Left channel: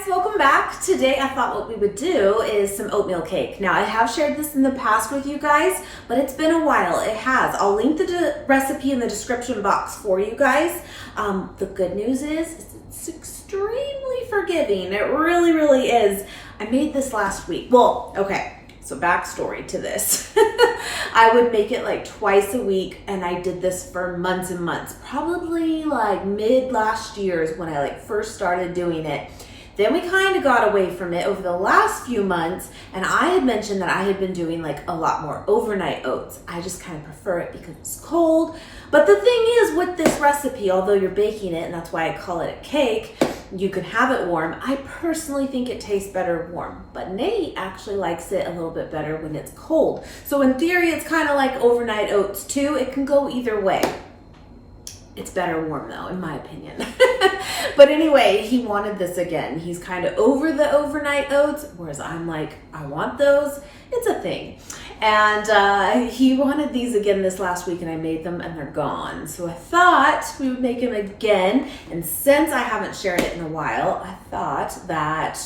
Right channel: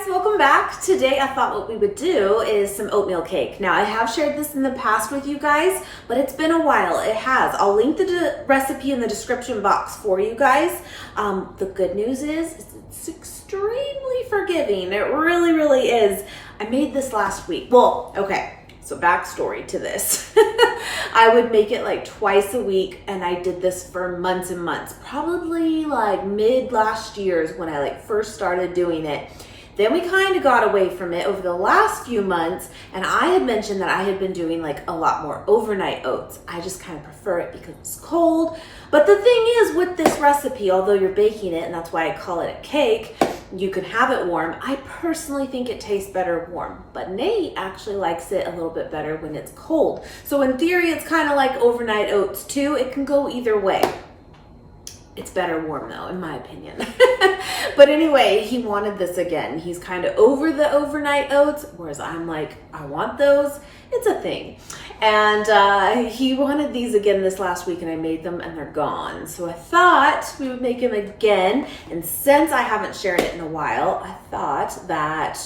guys, welcome back. Today I thought what we would do is some oatmeal cake. Now I have shared this in the past with you guys, but it's been a while. It has. I'll link the recipe in the description box for you guys. The good news is it's extremely forgiving. It really, really is. I made this last week. Well, okay. So backstory to this. I would make it like twice a week, and I did this for months and months. Probably like mid last year is when I like first started doing it. Then we kind of got away from it over the last few months, and I had mentioned that I had been doing like a lot more overnight oats. I just kind of prefer it because it's cold. But the thing is with this recipe, although you're baking it, and that's why I call it a cake, you can have it warm. I personally think it tastes better warm, but Nate actually likes it a little bit better when it's cold. So in theory, it's kind of like overnight oats too. It can go either way. It's better warm though, in my opinion. But anyway, he wanted this again. He's kind of over the overnight oats, whereas I'm like, I want those. It's a thing. And he wanted these again this last week, and I made them and they're gone. So I thought we would make them again. And since I haven't shared it in a while, I thought that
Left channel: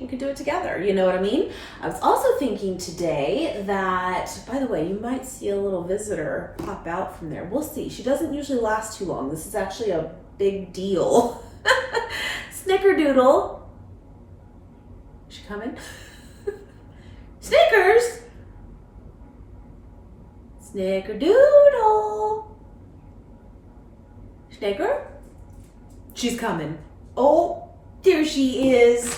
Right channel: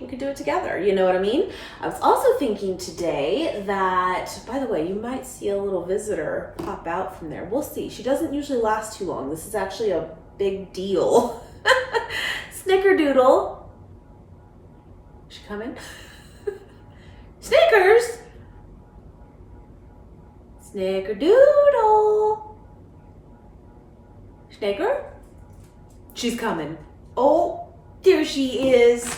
we could do it together. You know what I mean? I was also thinking today that, by the way, you might see a little visitor pop out from there. We'll see. She doesn't usually last too long. This is actually a big deal. Snickerdoodle. Is she coming? Snickers. Snickerdoodle. Snicker? She's coming. Oh, there she is.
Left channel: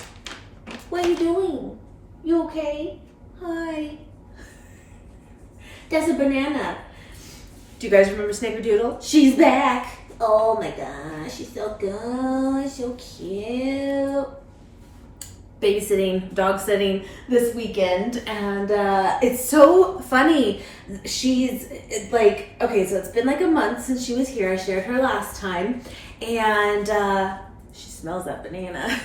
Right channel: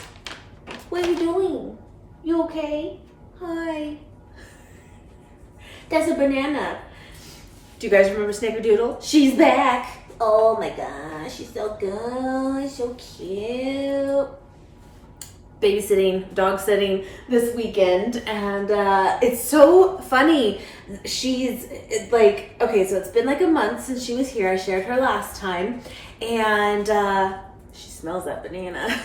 What are you doing? You okay? Hi. That's a banana. Do you guys remember Snickerdoodle? She's back. Oh my gosh, she's so good, so cute. Babysitting, dog sitting this weekend, and it's so funny. She's like, okay, so it's been like a month since she was here. I shared her last time, and she smells that banana.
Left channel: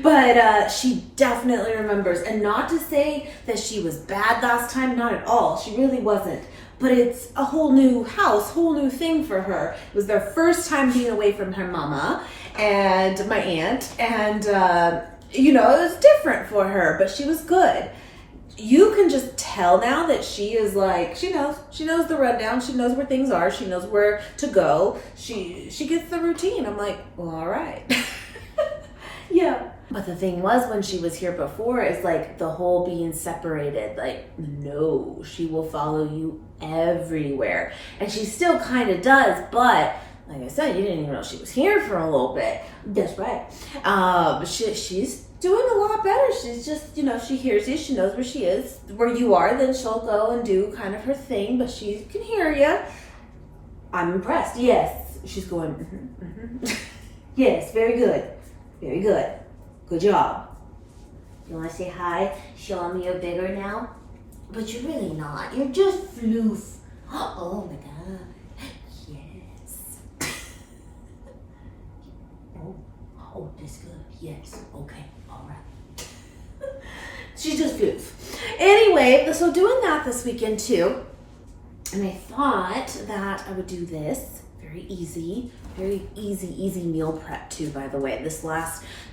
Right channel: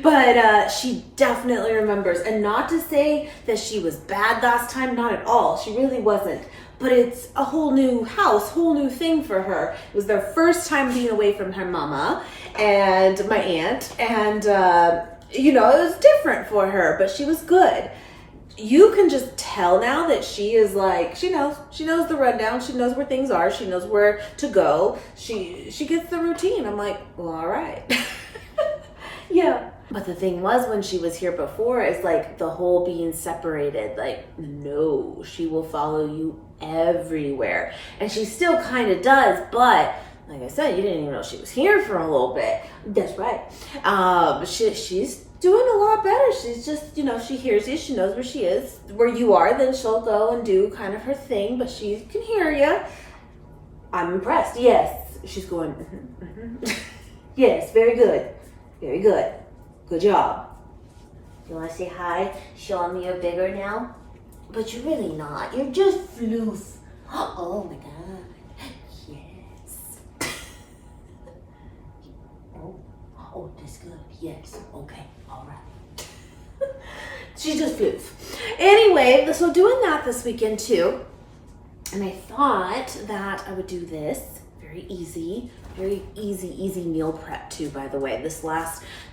But she definitely remembers. And not to say that she was bad last time, not at all. She really wasn't. But it's a whole new house, whole new thing for her. It was their first time being away from her mama and my aunt. And, you know, it was different for her, but she was good. You can just tell now that she is like, she knows the rundown. She knows where things are. She knows where to go. She gets the routine. I'm like, well, all right. Yeah. But the thing was, when she was here before, is like the whole being separated. Like, no, she will follow you everywhere. And she still kind of does, but like I said, you didn't even know she was here for a little bit. That's right. She's doing a lot better. She's just, you know, she hears you. She knows where she is. Where you are, then she'll go and do kind of her thing, but she can hear you. I'm impressed. Yes. She's going, Yes, very good. Very good. Good job. You want to say hi? Show me you're bigger now? But you're really not. You're just floof. Oh my God. Yes. Oh, that's good. Yes. Okay. All right. She's just floof. Anyway, so doing that this weekend too. And I thought that I would do this. Very easy meal prep too, by the way.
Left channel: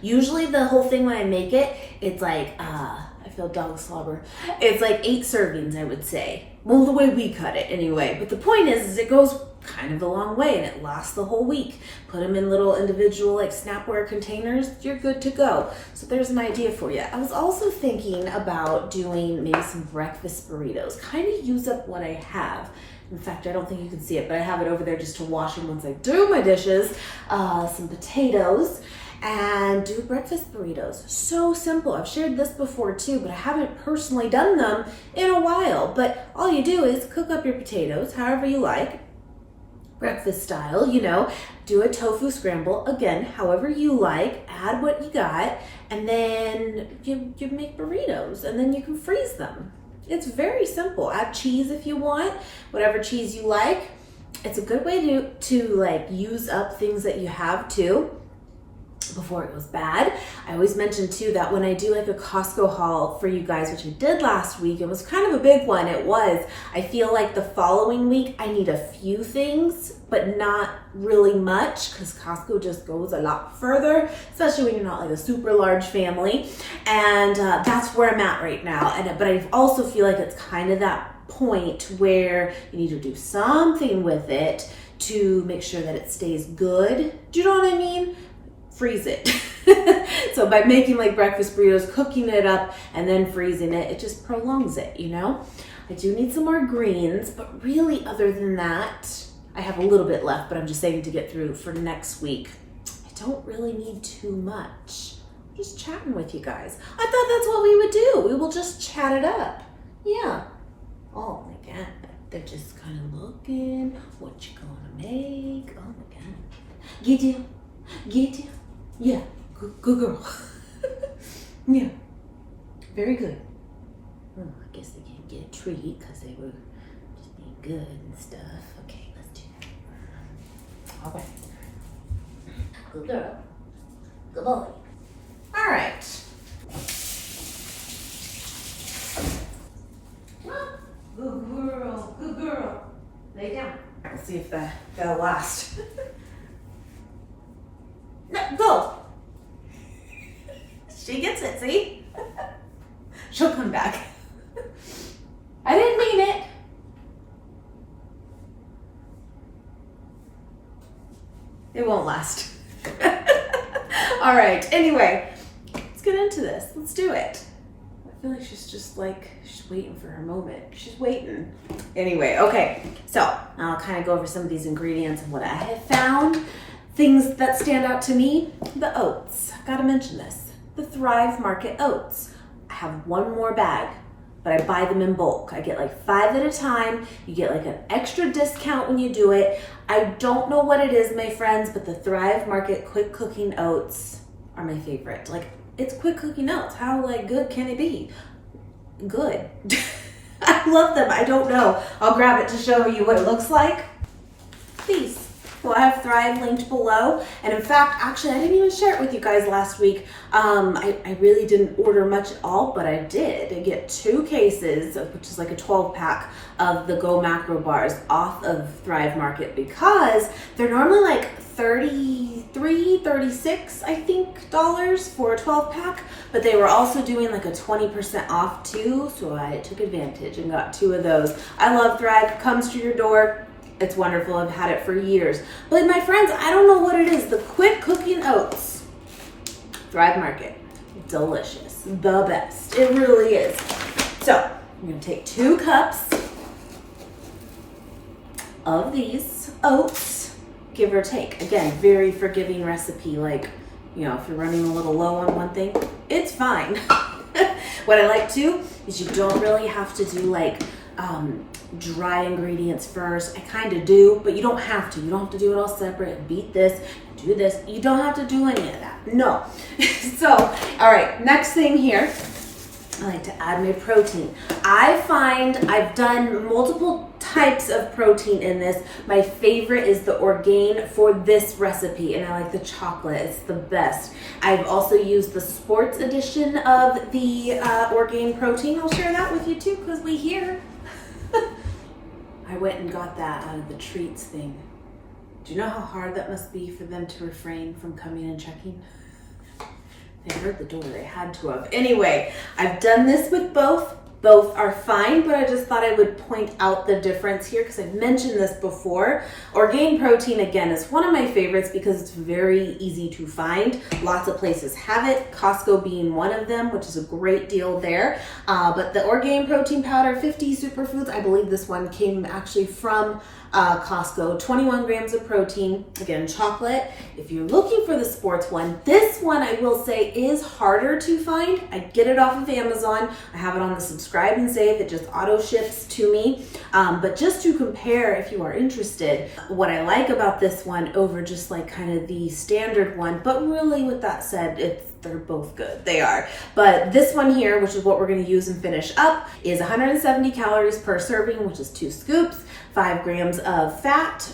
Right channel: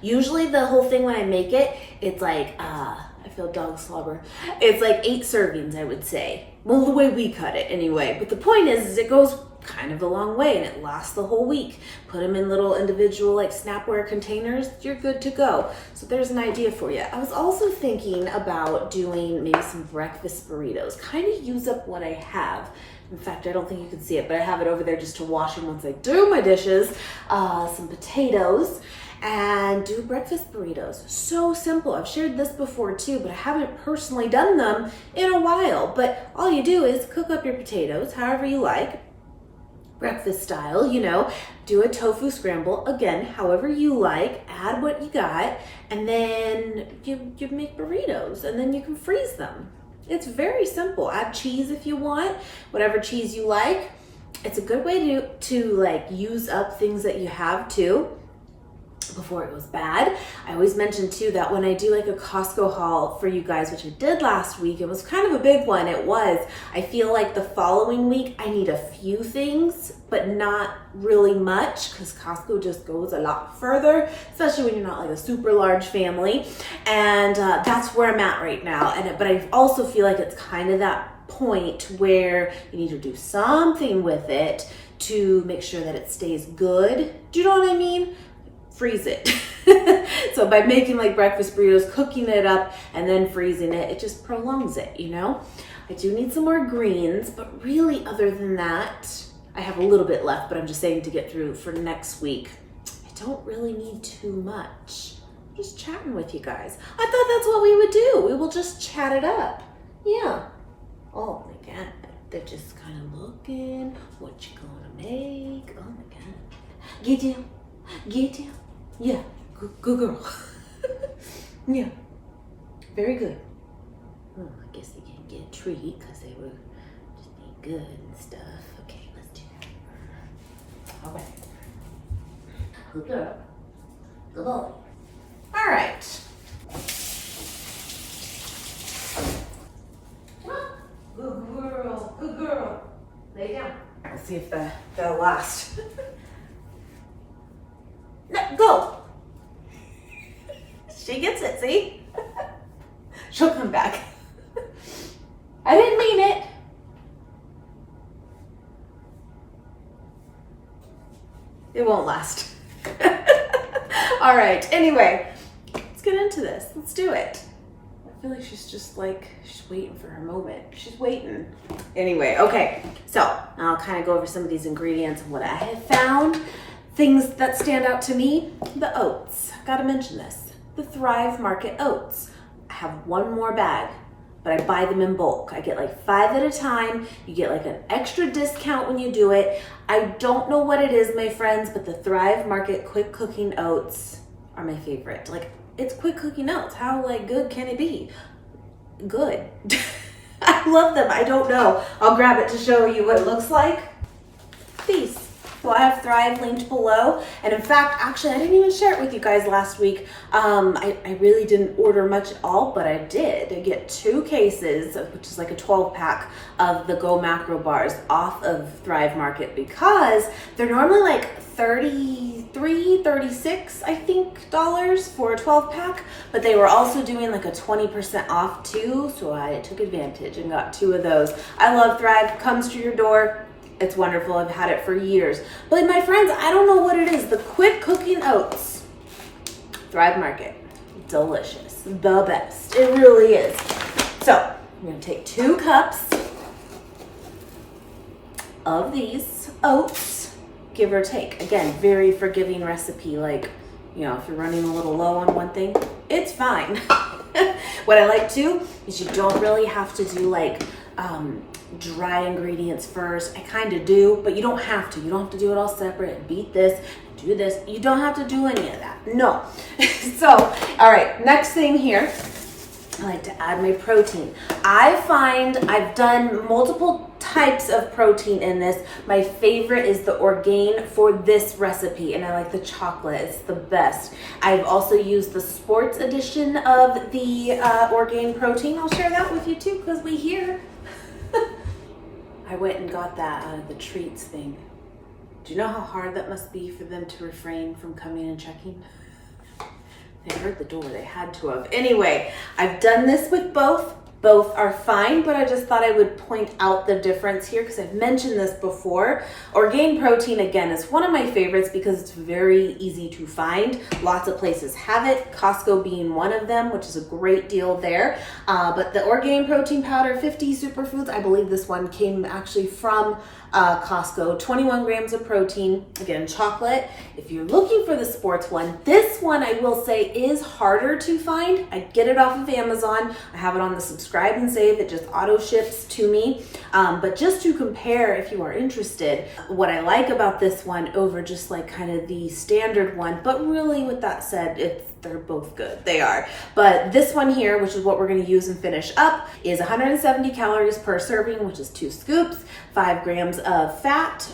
Usually the whole thing when I make it, it's like, I feel dog slobber. It's like 8 servings, I would say. Well, the way we cut it anyway. But the point is it goes kind of a long way, and it lasts the whole week. Put them in little individual like Snapware containers, you're good to go. So there's an idea for you. I was also thinking about doing maybe some breakfast burritos, kind of use up what I have. In fact, I don't think you can see it, but I have it over there just to wash them once I do my dishes. Some potatoes, and do breakfast burritos. So simple. I've shared this before too, but I haven't personally done them in a while. But all you do is cook up your potatoes however you like, breakfast style, you know, do a tofu scramble, again, however you like, add what you got, and then you make burritos, and then you can freeze them. It's very simple. Add cheese if you want, whatever cheese you like. It's a good way to like use up things that you have too before it goes bad. I always mention too that when I do like a Costco haul for you guys, which I did last week, it was kind of a big one. I feel like the following week I need a few things, but not really much because Costco just goes a lot further, especially when you're not like a super large family. And that's where I'm at right now. But I also feel like it's kind of that point where you need to do something with it to make sure that it stays good. Do you know what I mean? Freeze it. So by making like breakfast burritos, cooking it up and then freezing it, it just prolongs it, you know? I do need some more greens, but really other than that, I have a little bit left, but I'm just saying to get through for next week. I don't really need too much. I'm just chatting with you guys. I thought that's what we would do. We will just chat it up. Yeah. Oh my God. They're just kind of looking. What you gonna make? Oh my God. Get you. Get you. Yeah. Good girl. Yeah. Very good. Oh, I guess they can't get a treat because they were just being good and stuff. Okay, let's do that. All right. Good girl. Good boy. All right. Good girl. Good girl. Lay down. Let's see if that'll last. No, go. She gets it, see? She'll come back. I didn't mean it. It won't last. All right, anyway, let's get into this. Let's do it. I feel like she's just like, she's waiting for her moment. She's waiting. Anyway, okay, so I'll kind of go over some of these ingredients and what I have found. Things that stand out to me, the oats. Gotta mention this. The Thrive Market oats. I have one more bag, but I buy them in bulk. I get like 5 at a time. You get like an extra discount when you do it. I don't know what it is, my friends, but the Thrive Market quick cooking oats are my favorite. Like, it's quick cooking oats. How like good can it be? Good. I love them. I don't know. I'll grab it to show you what it looks like. These. So I have Thrive linked below. And in fact, actually, I didn't even share it with you guys last week. I really didn't order much at all, but I did. I get 2 cases, which is like a 12 pack of the Go Macro bars off of Thrive Market because they're normally like $33, $36, I think, dollars for a 12 pack, but they were also doing like a 20% off too. So I took advantage and got 2 of those. I love Thrive. Comes to your door. It's wonderful. I've had it for years. But my friends, I don't know what it is. The quick cooking oats. Thrive Market. Delicious. The best. It really is. So I'm going to take 2 cups of these oats, give or take. Again, very forgiving recipe. Like, you know, if you're running a little low on one thing, it's fine. What I like too is you don't really have to do like dry ingredients first. I kind of do, but you don't have to. You don't have to do it all separate. Beat this, do this. You don't have to do any of that. No. So, all right, next thing here, I like to add my protein. I find I've done multiple types of protein in this. My favorite is the Orgain for this recipe, and I like the chocolate. It's the best. I've also used the sports edition of the Orgain protein. I'll share that with you too, because we here. I went and got that out of the treats thing. Do you know how hard that must be for them to refrain from coming and checking? They heard the door, they had to have. Anyway, I've done this with both. Both are fine, but I just thought I would point out the difference here because I've mentioned this before. Orgain protein, again, is one of my favorites because it's very easy to find. Lots of places have it, Costco being one of them, which is a great deal there. But the Orgain protein powder, 50 superfoods, I believe this one came actually from Costco, 21 grams of protein, again, chocolate. If you're looking for the sports one, this one I will say is harder to find. I get it off of Amazon. I have it on the subscribe and save. It just auto ships to me. But just to compare, if you are interested, what I like about this one over just like kind of the standard one, but really with that said, they're both good. They are. But this one here, which is what we're going to use and finish up, is 170 calories per serving, which is 2 scoops, 5 grams of fat,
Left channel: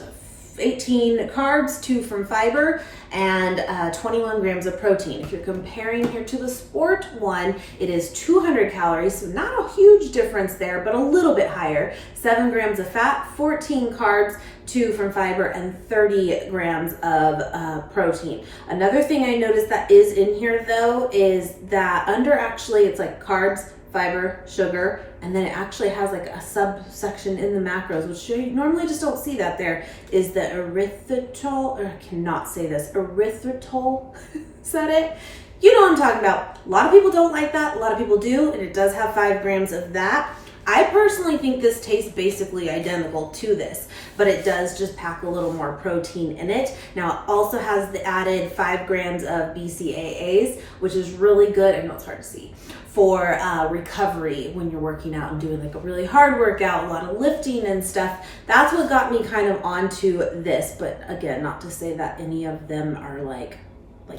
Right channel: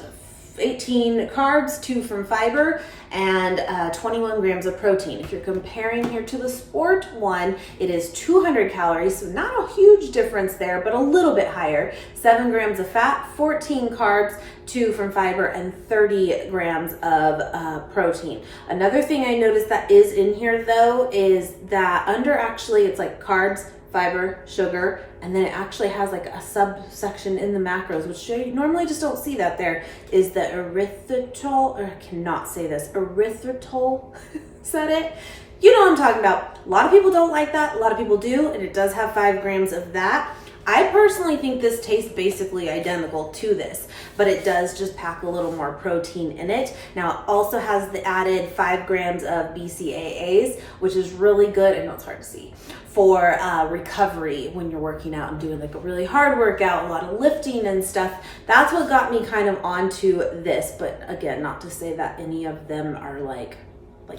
18 carbs, 2 from fiber, and 21 grams of protein. If you're comparing here to the sport one, it is 200 calories, so not a huge difference there, but a little bit higher. 7 grams of fat, 14 carbs, 2 from fiber, and 30 grams of protein. Another thing I noticed that is in here though is that under actually it's like carbs, fiber, sugar, and then it actually has like a subsection in the macros, which you normally just don't see that there, is the erythritol, or I cannot say this, erythritol, is that it? You know what I'm talking about. A lot of people don't like that, a lot of people do, and it does have 5 grams of that. I personally think this tastes basically identical to this, but it does just pack a little more protein in it. Now it also has the added 5 grams of BCAAs, which is really good. I know it's hard to see, for recovery when you're working out and doing like a really hard workout, a lot of lifting and stuff. That's what got me kind of onto this, but again, not to say that any of them are like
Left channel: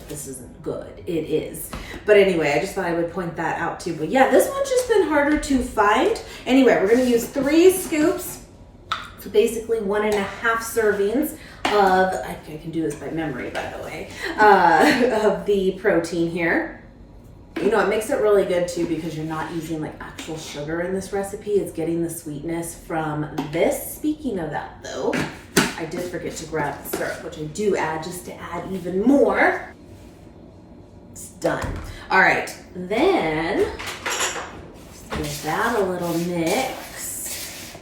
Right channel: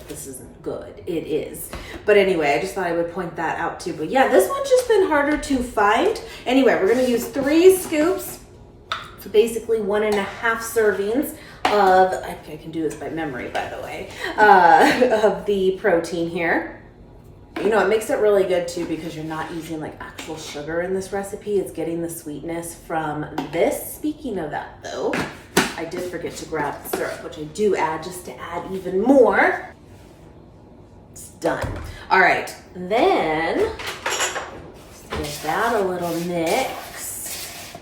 this isn't good. It is. But anyway, I just thought I would point that out too. But yeah, this one's just been harder to find. Anyway, we're gonna use 3 scoops, so basically 1.5 servings of, I can do this by memory, by the way, of the protein here. You know, it makes it really good too because you're not using like actual sugar in this recipe. It's getting the sweetness from this. Speaking of that though, I did forget to grab the syrup, which I do add just to add even more. It's done. All right, then give that a little mix.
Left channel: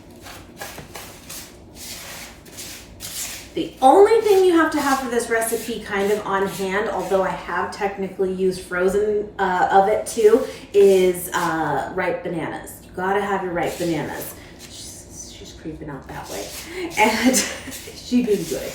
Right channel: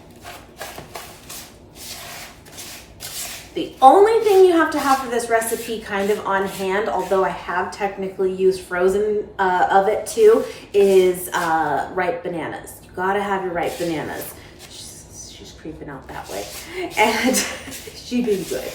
The only thing you have to have for this recipe kind of on hand, although I have technically used frozen of it too, is ripe bananas. You gotta have your ripe bananas. She's creeping out that way. And she's doing good.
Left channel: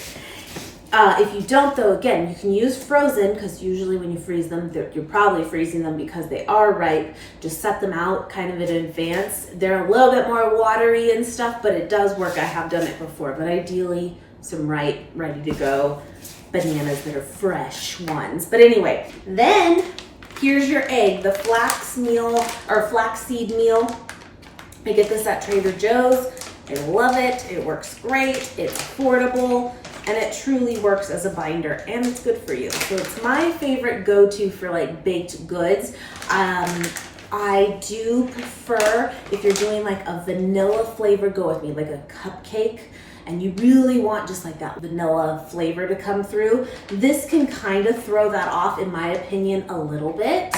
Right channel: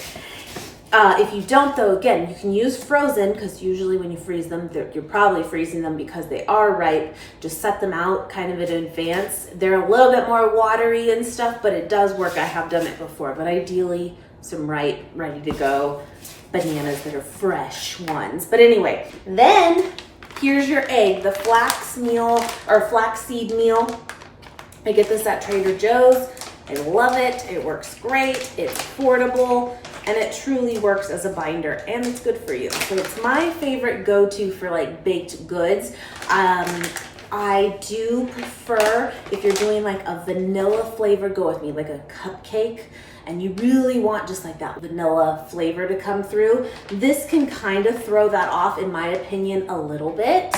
If you don't though, again, you can use frozen because usually when you freeze them, you're probably freezing them because they are ripe. Just set them out kind of in advance. They're a little bit more watery and stuff, but it does work. I have done it before, but ideally some ripe, ready to go bananas that are fresh ones. But anyway, then here's your egg, the flax meal or flaxseed meal. I get this at Trader Joe's. I love it. It works great. It's affordable, and it truly works as a binder, and it's good for you. So it's my favorite go-to for like baked goods. I do prefer, if you're doing like a vanilla flavor, go with me, like a cupcake, and you really want just like that vanilla flavor to come through. This can kind of throw that off, in my opinion, a little bit.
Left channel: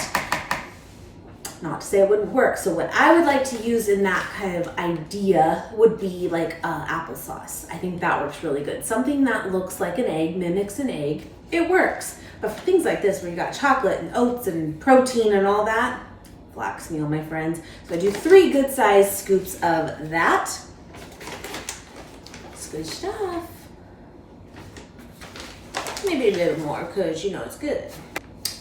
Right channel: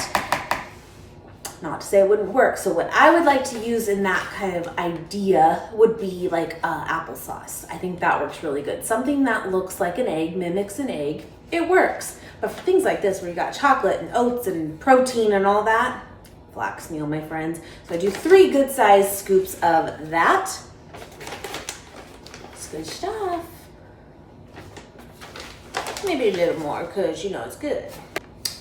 Not to say it wouldn't work. So what I would like to use in that kind of idea would be like applesauce. I think that works really good. Something that looks like an egg, mimics an egg, it works. But for things like this, where you got chocolate and oats and protein and all that, flax meal, my friends. So I do 3 good sized scoops of that. It's good stuff. Maybe a little more because, you know, it's good.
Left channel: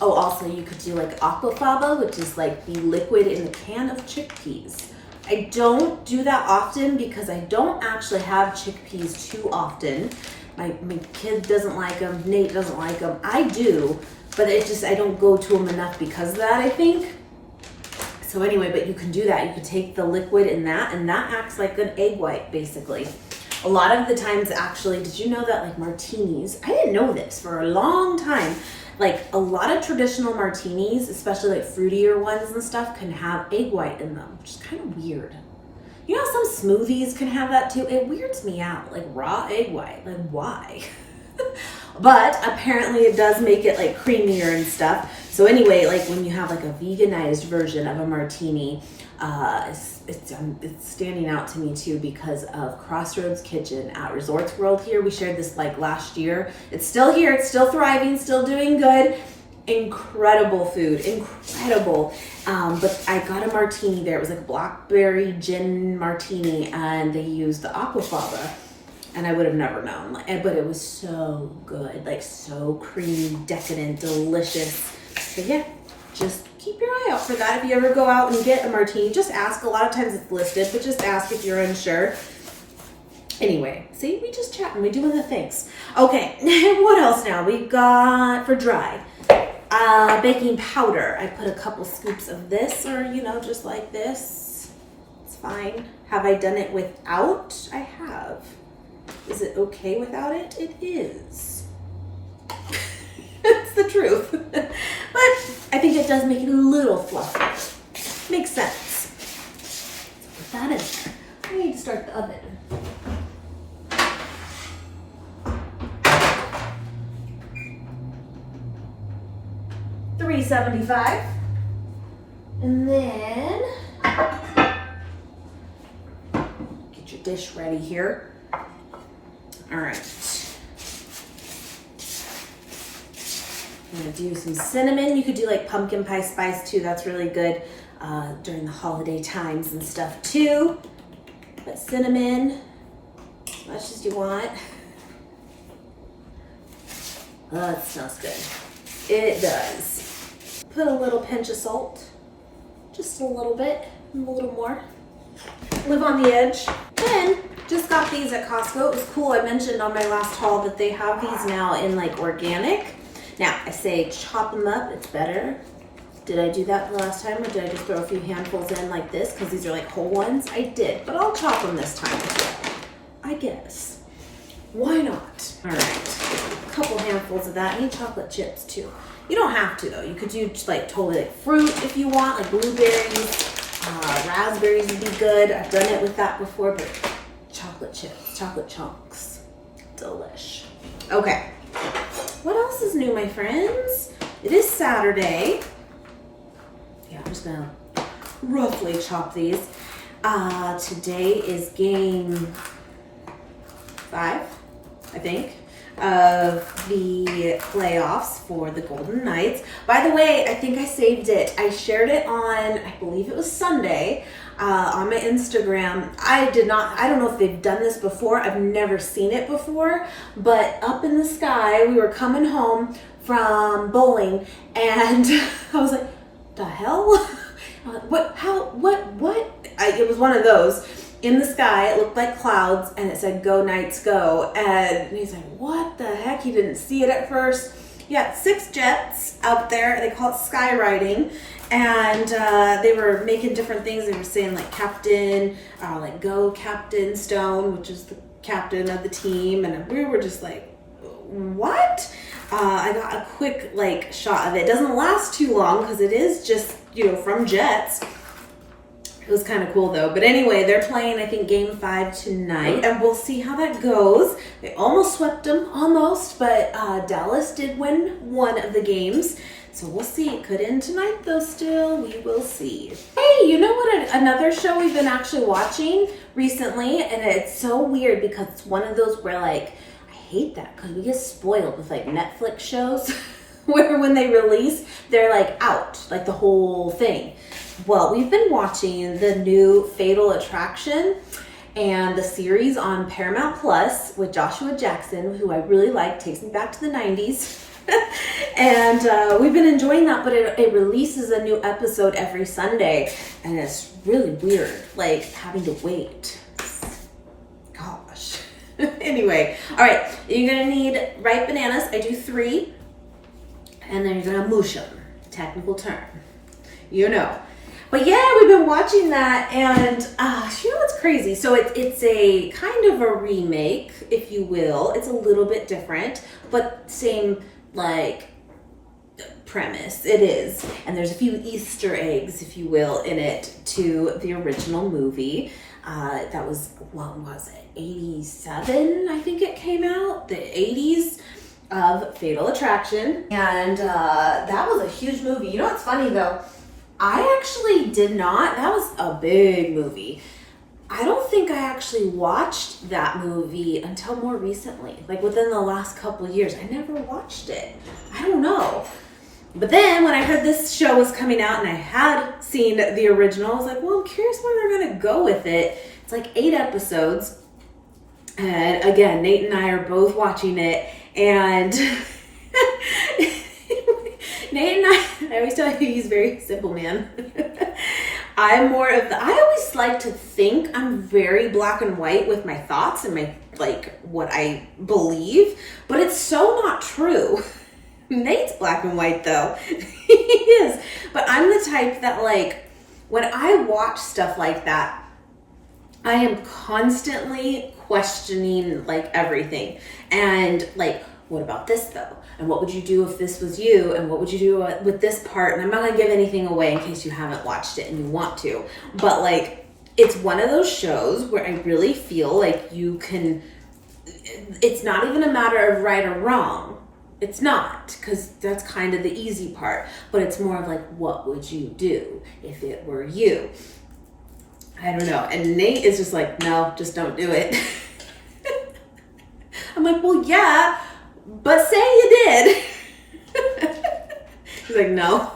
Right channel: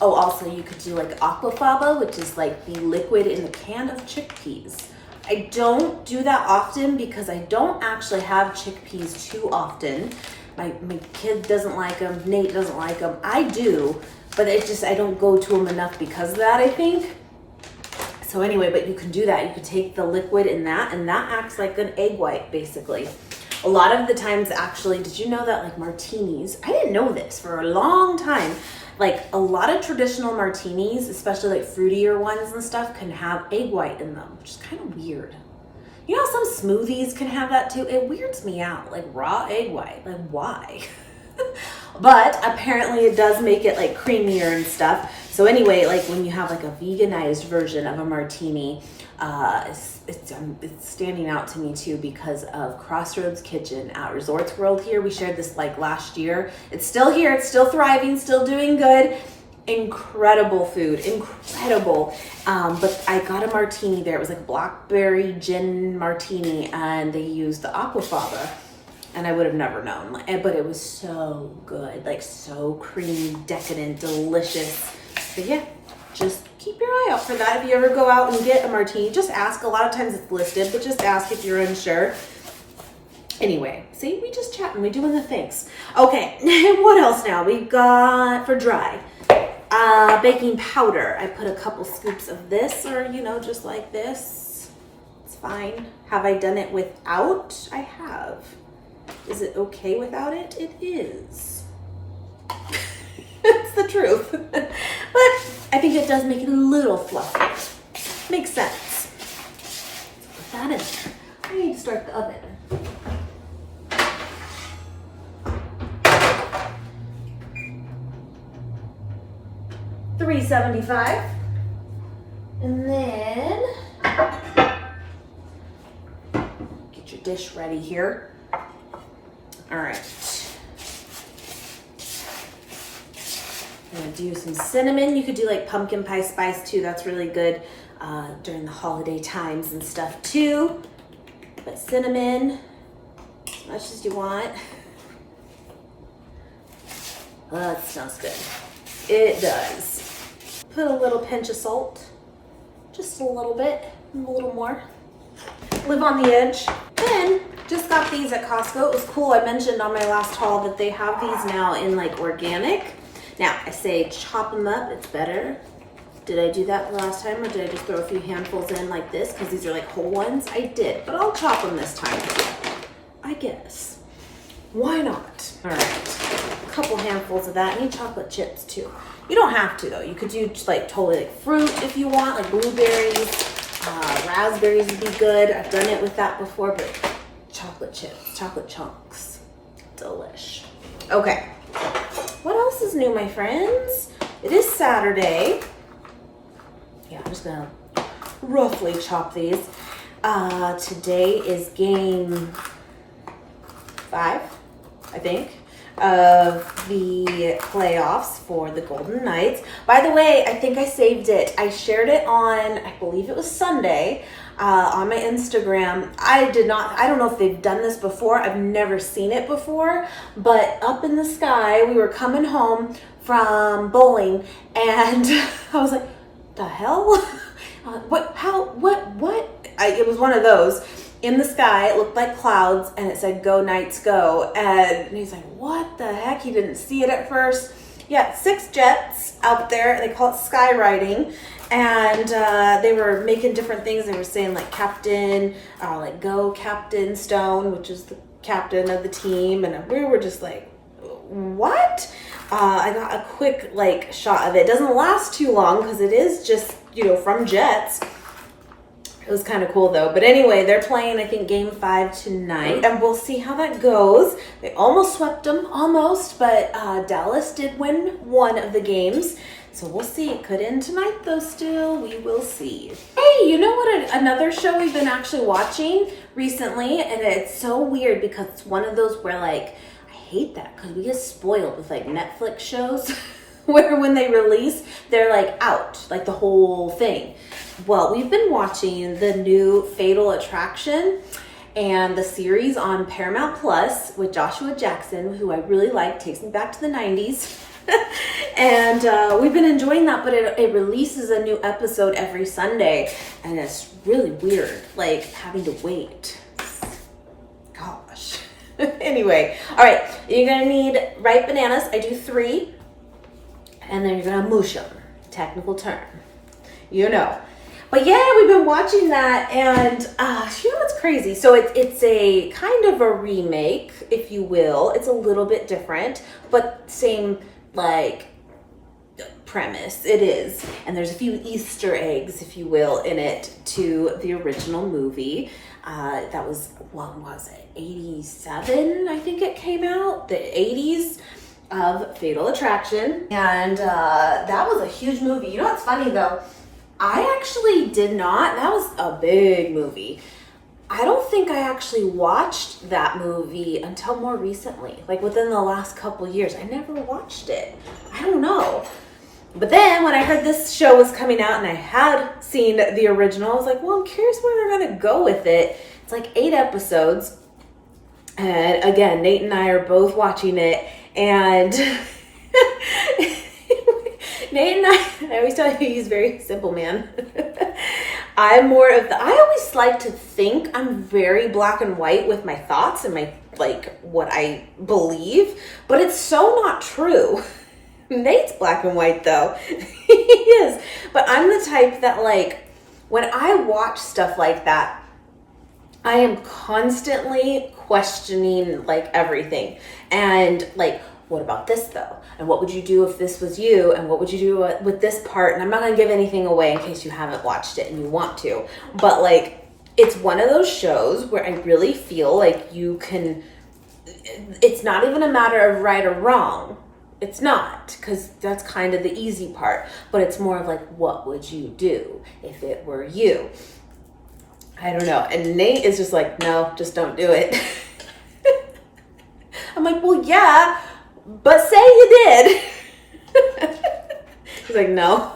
Oh, also you could do like aquafaba, which is like the liquid in a can of chickpeas. I don't do that often because I don't actually have chickpeas too often. My kid doesn't like them, Nate doesn't like them. I do, but it just, I don't go to them enough because of that, I think. So anyway, but you can do that. You can take the liquid in that, and that acts like an egg white, basically. A lot of the times, actually, did you know that like martinis, I didn't know this for a long time, like a lot of traditional martinis, especially like fruitier ones and stuff, can have egg white in them, which is kind of weird. You know, some smoothies can have that too. It weirds me out, like raw egg white, like why? But apparently it does make it like creamier and stuff. So anyway, like when you have like a veganized version of a martini, it's standing out to me too because of Crossroads Kitchen at Resorts World here. We shared this like last year. It's still here, it's still thriving, still doing good. Incredible food, incredible. But I got a martini there. It was like a blackberry gin martini, and they used the aquafaba. And I would have never known, but it was so good, like so creamy, decadent, delicious. So yeah, just keep your eye out for that. If you ever go out and get a martini, just ask. A lot of times it's listed, but just ask if you're unsure. Anyway, see, we just chatting, we doing the things. Okay, what else now? We got for dry. Baking powder. I put a couple scoops of this, or you know, just like this. It's fine. Have I done it without? I have. Is it okay without it? It is. It's the truth. But I think it does make it a little fluffy. Makes sense. Put that in there. I need to start the oven. $375. And then get your dish ready here. All right. I'm gonna do some cinnamon. You could do like pumpkin pie spice too. That's really good during the holiday times and stuff too. But cinnamon, as much as you want. Oh, that smells good. It does. Put a little pinch of salt. Just a little bit, a little more. Live on the edge. Then, just got these at Costco. It was cool. I mentioned on my last haul that they have these now in like organic. Now, I say chop them up, it's better. Did I do that the last time, or did I just throw a few handfuls in like this? Because these are like whole ones. I did, but I'll chop them this time, I guess. Why not? All right, a couple handfuls of that. I need chocolate chips too. You don't have to though. You could do like totally like fruit if you want, like blueberries, raspberries would be good. I've done it with that before, but chocolate chips, chocolate chunks, delish. Okay. What else is new, my friends? It is Saturday. Yeah, I'm just gonna roughly chop these. Today is game 5, I think, of the playoffs for the Golden Knights. By the way, I think I saved it. I shared it on, I believe it was Sunday, on my Instagram. I don't know if they've done this before. I've never seen it before, but up in the sky, we were coming home from bowling and I was like, the hell? It was one of those. In the sky, it looked like clouds and it said, "Go Knights, go." And he's like, what the heck? He didn't see it at first. Yeah, 6 jets out there. They call it skywriting. And they were making different things. They were saying like captain, like go Captain Stone, which is the captain of the team. And we were just like, what? I got a quick like shot of it. It doesn't last too long because it is just, from jets. It was kind of cool though. But anyway, they're playing, I think, game 5 tonight. And we'll see how that goes. They almost swept them, but Dallas did win one of the games. So we'll see. It could end tonight though still. We will see. Hey, you know what? Another show we've been actually watching recently, and it's so weird because it's one of those where like, I hate that because we get spoiled with like Netflix shows where when they release, they're like out, like the whole thing. Well, we've been watching the new Fatal Attraction and the series on Paramount Plus with Joshua Jackson, who I really like, takes me back to the 90s. And we've been enjoying that, but it releases a new episode every Sunday, and it's really weird, like having to wait. Gosh. Anyway, all right, you're gonna need ripe bananas. I do 3, and then you're gonna mush them. Technical term, But yeah, we've been watching that, and what's crazy? So it's a kind of a remake, if you will. It's a little bit different, but same like premise. It is, and there's a few Easter eggs, if you will, in it to the original movie. That was, what was it? 87, I think it came out. The 80s of Fatal Attraction, and that was a huge movie. You know what's funny though? I actually did not. That was a big movie. I don't think I actually watched that movie until more recently, like within the last couple of years. I never watched it. I don't know. But then when I heard this show was coming out and I had seen the original, I was like, well, I'm curious where they're going to go with it. It's like 8 episodes. And again, Nate and I are both watching it. And Nate and I always tell you he's a very simple man. I'm more of I always like to think I'm very black and white with my thoughts and my, like, what I believe, but it's so not true. Nate's black and white though. He is. But I'm the type that, like, when I watch stuff like that, I am constantly questioning like everything. And like, what about this though? And what would you do if this was you? And what would you do with this part? And I'm not gonna give anything away in case you haven't watched it and you want to. But like, it's one of those shows where I really feel like you can, it's not even a matter of right or wrong. It's not, because that's kind of the easy part. But it's more of like, what would you do if it were you? I don't know. And Nate is just like, no, just don't do it. I'm like, well, yeah, but say you did. He's like, no.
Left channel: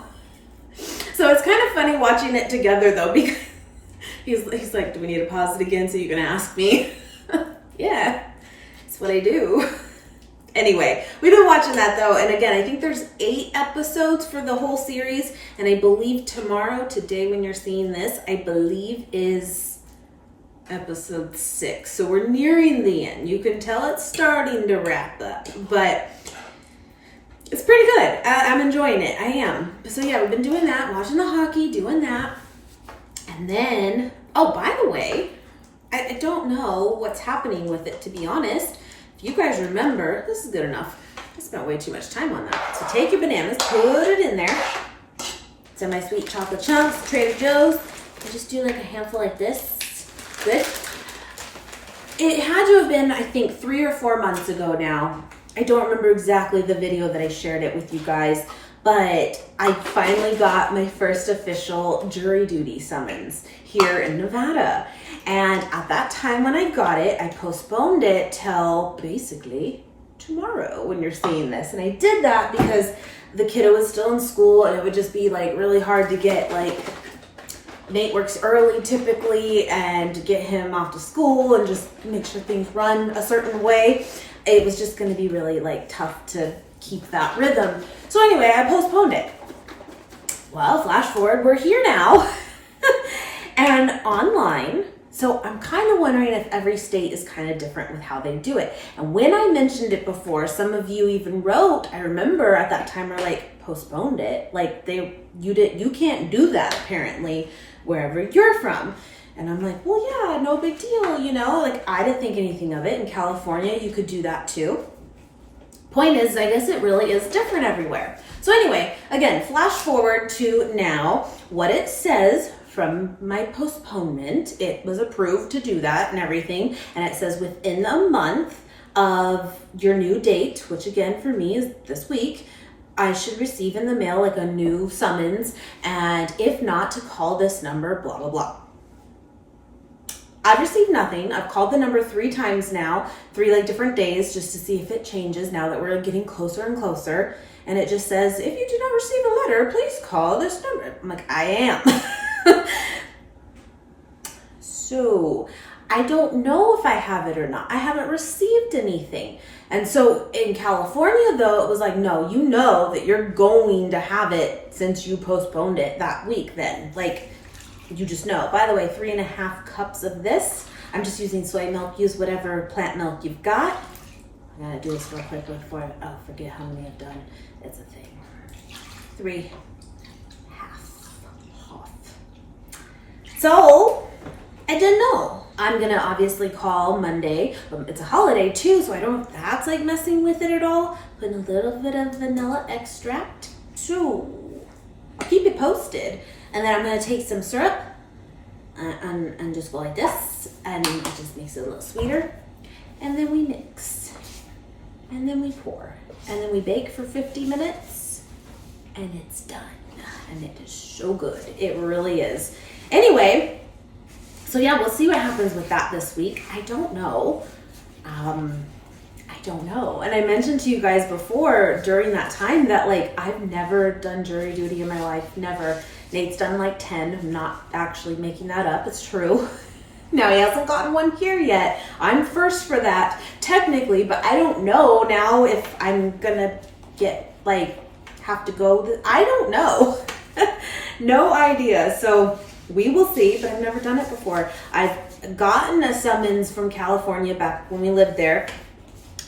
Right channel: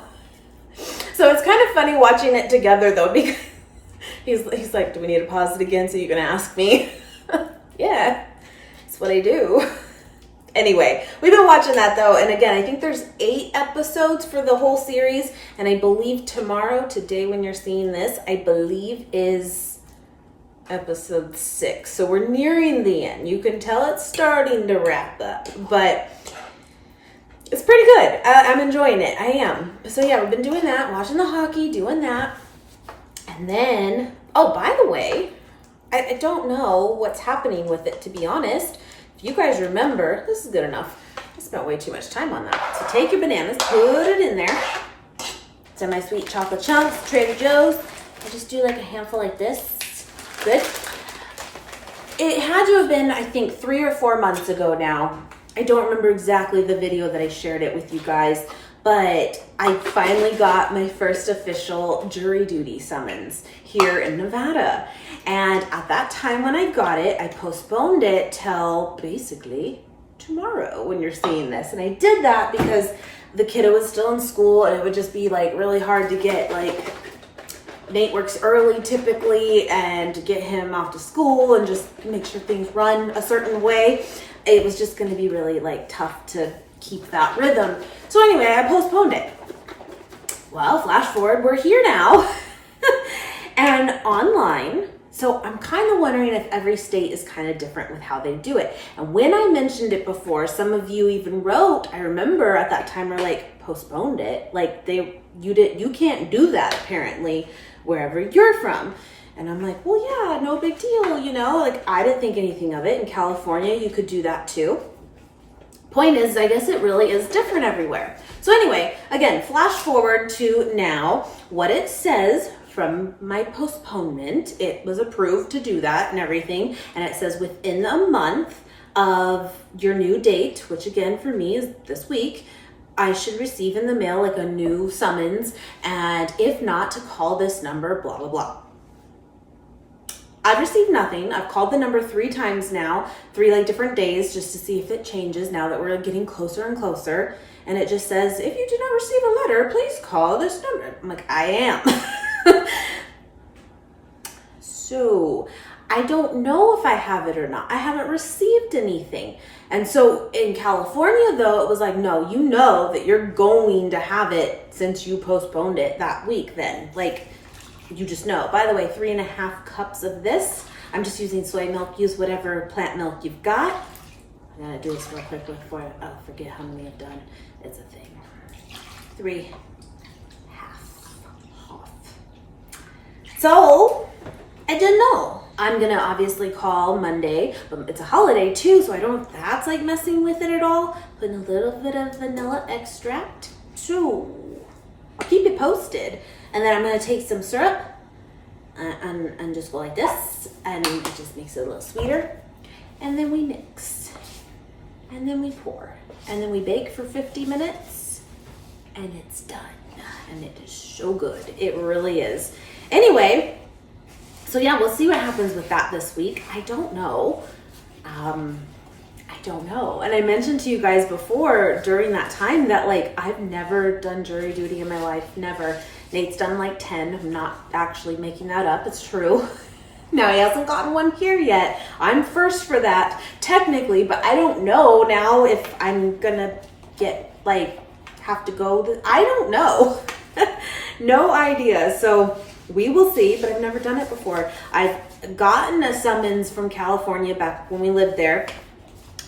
So it's kind of funny watching it together though, because he's like, do we need to pause it again so you can ask me? Yeah, that's what I do. Anyway, we've been watching that though, and again, I think there's 8 episodes for the whole series, and I believe today when you're seeing this, I believe is episode 6. So we're nearing the end. You can tell it's starting to wrap up, but it's pretty good. I'm enjoying it. I am. So yeah, we've been doing that, watching the hockey, doing that. And then, oh, by the way, I don't know what's happening with it, to be honest. If you guys remember, this is good enough. I spent way too much time on that. So take your bananas, put it in there. Some of my sweet chocolate chunks, Trader Joe's. I just do like a handful like this. Good. It had to have been, I think, 3 or 4 months ago now. I don't remember exactly the video that I shared it with you guys, but I finally got my first official jury duty summons here in Nevada. And at that time when I got it, I postponed it till basically tomorrow when you're seeing this. And I did that because the kiddo was still in school and it would just be like really hard to get, like, Nate works early typically, and to get him off to school and just make sure things run a certain way. It was just going to be really like tough to keep that rhythm. So anyway, I postponed it. Well, flash forward, we're here now and online. So I'm kind of wondering if every state is kind of different with how they do it. And when I mentioned it before, some of you even wrote, I remember at that time, are like, postponed it. Like you can't do that apparently wherever you're from. And I'm like, well, yeah, no big deal, you know, like I didn't think anything of it. In California, you could do that too. Point is, I guess it really is different everywhere. So anyway, again, flash forward to now, what it says from my postponement, it was approved to do that and everything. And it says within a month of your new date, which again for me is this week, I should receive in the mail like a new summons. And if not, to call this number, blah, blah, blah. I've received nothing. I've called the number 3 times now, 3 like different days, just to see if it changes now that we're getting closer and closer. And it just says, if you do not receive a letter, please call this number. I'm like, I am. So I don't know if I have it or not. I haven't received anything. And so in California though, it was like, no, you know that you're going to have it since you postponed it that week then. Like, you just know. By the way, 3.5 cups of this. I'm just using soy milk. Use whatever plant milk you've got. I'm gonna do this real quick before I forget how many I've done. It's a thing. 3.5 half. So I didn't know. I'm gonna obviously call Monday, but it's a holiday too, so I don't, that's like messing with it at all. Putting a little bit of vanilla extract. So I'll keep it posted. And then I'm gonna take some syrup and just go like this, and it just makes it a little sweeter. And then we mix, and then we pour, and then we bake for 50 minutes, and it's done. And it is so good. It really is. Anyway, so yeah, we'll see what happens with that this week. I don't know. I don't know. And I mentioned to you guys before during that time that like I've never done jury duty in my life, never. Nate's done like 10. I'm not actually making that up. It's true. Now he hasn't gotten one here yet. I'm first for that technically, but I don't know now if I'm gonna get like have to go. I don't know. No idea. So we will see, but I've never done it before. I've gotten a summons from California back when we lived there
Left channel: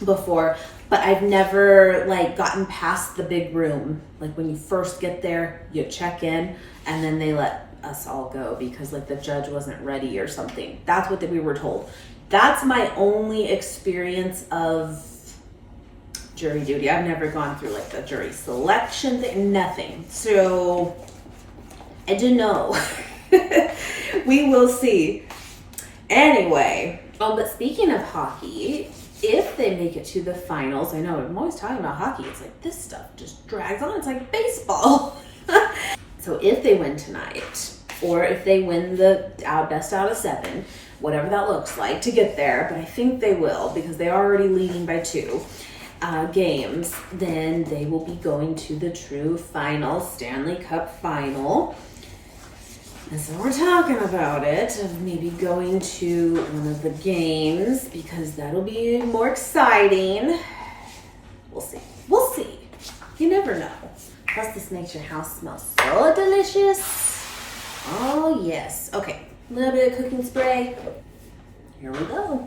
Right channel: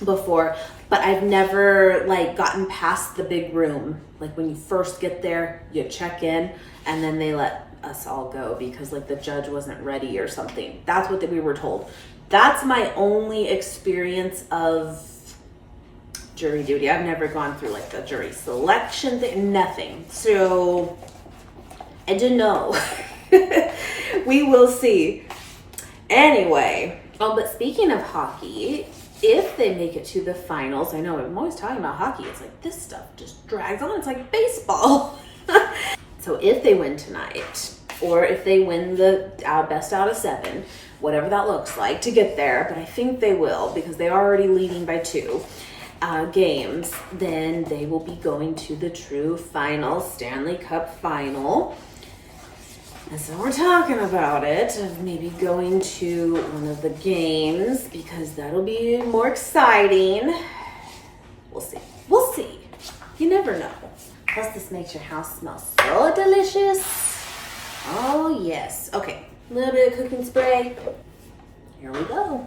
before, but I've never like gotten past the big room. Like when you first get there, you check in and then they let us all go because like the judge wasn't ready or something. That's what we were told. That's my only experience of jury duty. I've never gone through like a jury selection thing, nothing. So I don't know. We will see. Anyway, but speaking of hockey, if they make it to the finals, I know I'm always talking about hockey. It's like this stuff just drags on. It's like baseball. So if they win tonight, or if they win the best out of 7, whatever that looks like to get there, but I think they will because they're already leading by 2 games, then they will be going to the true final, Stanley Cup final. And so we're talking about it, of maybe going to one of the games because that'll be more exciting. We'll see. We'll see. You never know. Plus, this makes your house smell so delicious. Oh, yes. Okay, a little bit of cooking spray. Here we go.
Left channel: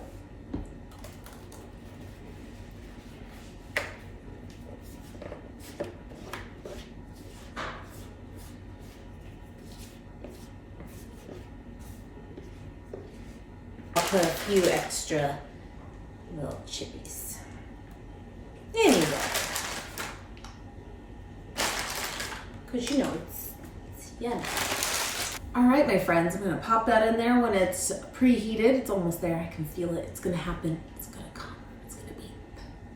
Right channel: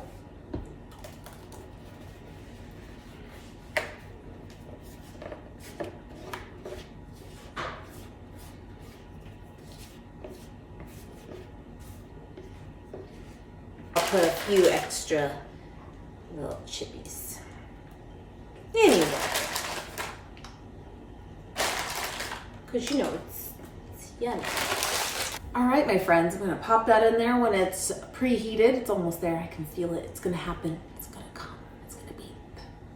I'll put a few extra little chippies. Anyway. Because you know it's yummy. All right, my friends, I'm gonna pop that in there when it's preheated. It's almost there, I can feel it. It's gonna happen, it's gonna come, it's gonna be,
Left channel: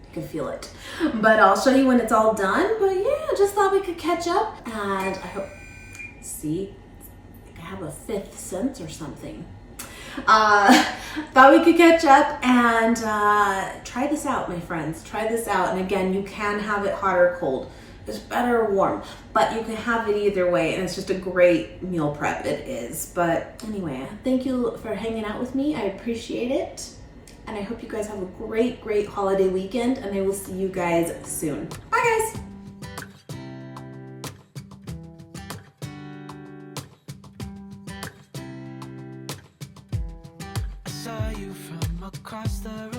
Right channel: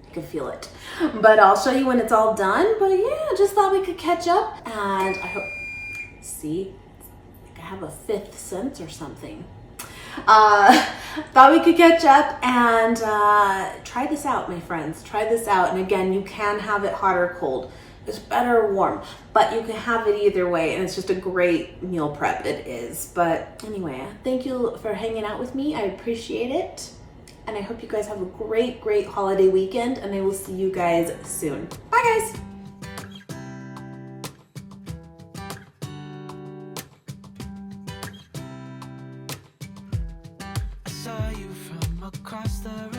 I can feel it. But I'll show you when it's all done. But yeah, just thought we could catch up. And I hope, see, I have a 5th sense or something. Thought we could catch up and try this out, my friends. Try this out. And again, you can have it hot or cold. It's better warm, but you can have it either way, and it's just a great meal prep. It is. But anyway, thank you for hanging out with me. I appreciate it, and I hope you guys have a great, great holiday weekend, and I will see you guys soon. Bye, guys. I saw you from across the